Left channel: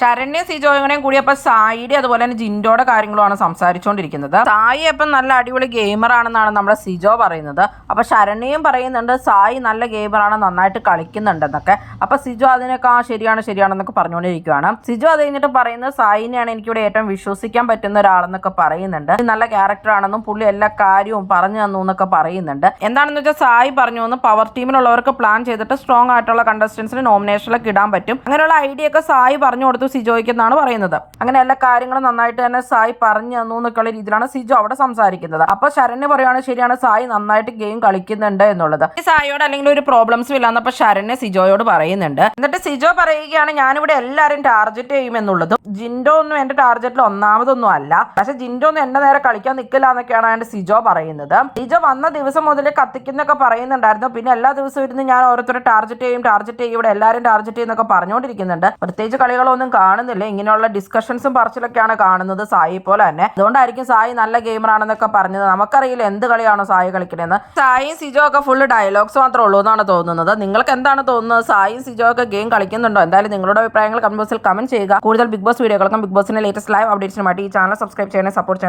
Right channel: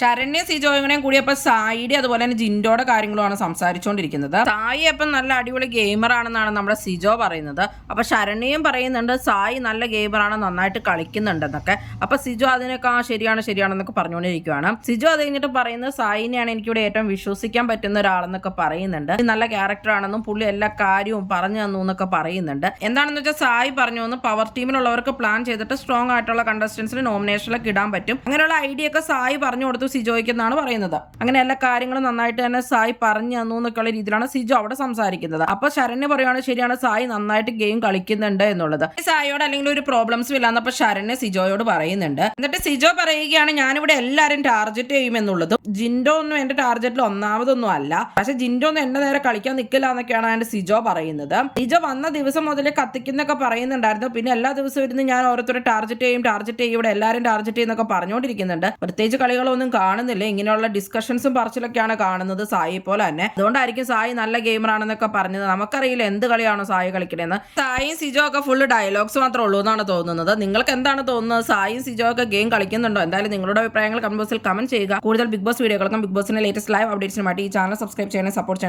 ശരണ്യ സിജോയും കൂടി അപ്പൊ സായിയുടെ അതുപോലെ തന്നെ ജിൻഡോയുടെ കാര്യങ്ങളുമാണ് സംസാരിച്ചുകൊണ്ടിരിക്കുന്നത്. സായി അപ്പം നല്ല അടിപൊളി ഗെയിമർ ആണെന്നാണ് നമ്മുടെ സിജോ പറയുന്നത്. അപ്പൊ ശരണ്യയും പറയുന്നുണ്ട് സായി നല്ല ഗെയിമറാണ്, നന്നായിട്ട് കളിക്കുന്നുണ്ടെന്നൊക്കെ. അപ്പൊ സിജോ അതിനൊക്കെ ശരിയാണെന്നൊക്കെ പറഞ്ഞുകൊണ്ടിരിക്കുകയാണ്. സിജോ അത് കഴിഞ്ഞിട്ട് പറയുന്നത് സായിനെയാണ് എനിക്കിവിടെ ഏറ്റവും വിശ്വസിക്കാൻ പറ്റുന്ന ഒരാളെന്നൊക്കെ പറയുന്നുണ്ട്. നല്ല ക്യാരക്ടർ ആണെന്നും പുള്ളി എല്ലാ കാര്യവും പറഞ്ഞു തന്നു എന്നൊക്കെ പറയുന്നുണ്ട്. എന്താണെന്ന് വെച്ചാൽ സായി പറഞ്ഞു എന്ന് പവർ ടീമിലുള്ളവർക്ക് പ്ലാൻ ചെയ്തിട്ട് സ്ട്രോങ് ആയിട്ടുള്ള കണ്ടസ്റ്റൻസിന് നോമിനേഷനിലൊക്കെ ഇടാൻ പറ്റും. അങ്ങനെയുള്ള ഐഡിയ ഒക്കെ സായി പറഞ്ഞു കൊടുത്തു സിജോയ്ക്ക് എന്നാണ് പറയുന്നത്. അങ്ങനെ എല്ലാ കാര്യങ്ങളും നന്നായിട്ട് തന്നെ സായി പറഞ്ഞു തന്നു എന്നൊക്കെയുള്ള രീതിയിലാണ് സിജോ അവിടെ സംസാരിക്കുന്നത്. അപ്പൊ ശരണ്യ പറയുകയാണ് ശരിയാണ് സായി നന്നായിട്ട് ഗെയിം കളിക്കുന്നുണ്ട് എന്നുള്ളത്. സായിയോട് അല്ലെങ്കിൽ ഒരു പ്രോബ്ലംസും ഇല്ലാന്നപ്പോ ശരണ്യ സിജോയോട് പറയുന്നുണ്ട്. എന്നിട്ട് സിജോ പറയുകയാണ് ഞാനിവിടെ എല്ലാവരും ടാർഗറ്റ് ചെയ്യും എന്നുള്ളത്. ജിൻഡോ ഒന്നും എന്റെ ടാർഗറ്റിൽ ഒന്നാമതൊന്നും അല്ല, പക്ഷെ ജിൻഡോ ഒന്നും എന്റെ നേരെ കളിക്കാൻ നിൽക്കില്ല എന്നൊക്കെയാണ് എന്റെ സിജോ പറയുന്നത്. സിജോ വന്ന ദിവസം മുതൽ കത്തിക്കുന്നൊക്കെ പറയുന്നുണ്ടായിരുന്നു. പിന്നെ എല്ലാ ദിവസവും ഇരുന്ന് ഞാൻ ഓരോരുത്തരെ ടാർഗറ്റ് ചെയ്യും ഇവിടെ എല്ലാവരും ടാർഗറ്റ് ചെയ്യുന്നൊക്കെ പറഞ്ഞുകൊണ്ടിരിക്കുന്നുണ്ട്. പ്രത്യേകിച്ച് കളികളൊന്നും കാണുന്നില്ല, ഇങ്ങനെയുള്ള ഡിസ്കഷൻസും പറച്ചിലൊക്കെയാണ് കാണുന്നത് സായി പോലെ തന്നെ. അതുകൊണ്ടായിരിക്കും സായി നല്ല ഗെയിമർ ആണെന്നൊക്കെ പറഞ്ഞത്. നമുക്കറിയില്ല എന്ത് കളിയാണോ സായി കളിക്കണേന്ന്. സായിയും സിജോ ഒക്കെ ഫുള്ള് ഡയലോഗ്സ് മാത്രമേ ഉള്ളൂ എന്നാണ് തോന്നുന്നത്. നിങ്ങൾക്ക് എന്താണ് തോന്നുന്നത്? സായിയും സിജോ ഒക്കെ ഗെയിം കളിക്കുന്നുണ്ടോ? എന്തായാലും നിങ്ങളുടെ അഭിപ്രായങ്ങൾ കമന്റ് ബോക്സിൽ കമന്റ് ചെയ്യുക. കൂടുതൽ ബിഗ് ബോസ് വീഡിയോകൾക്കും ബിഗ് ബോസിന്റെ ലേറ്റസ്റ്റ് ലൈവ് അപ്ഡേറ്റ്സിനുമായിട്ട് ഈ ചാനൽ സബ്സ്ക്രൈബ് ചെയ്യണേ, സപ്പോർട്ട് ചെയ്യണം.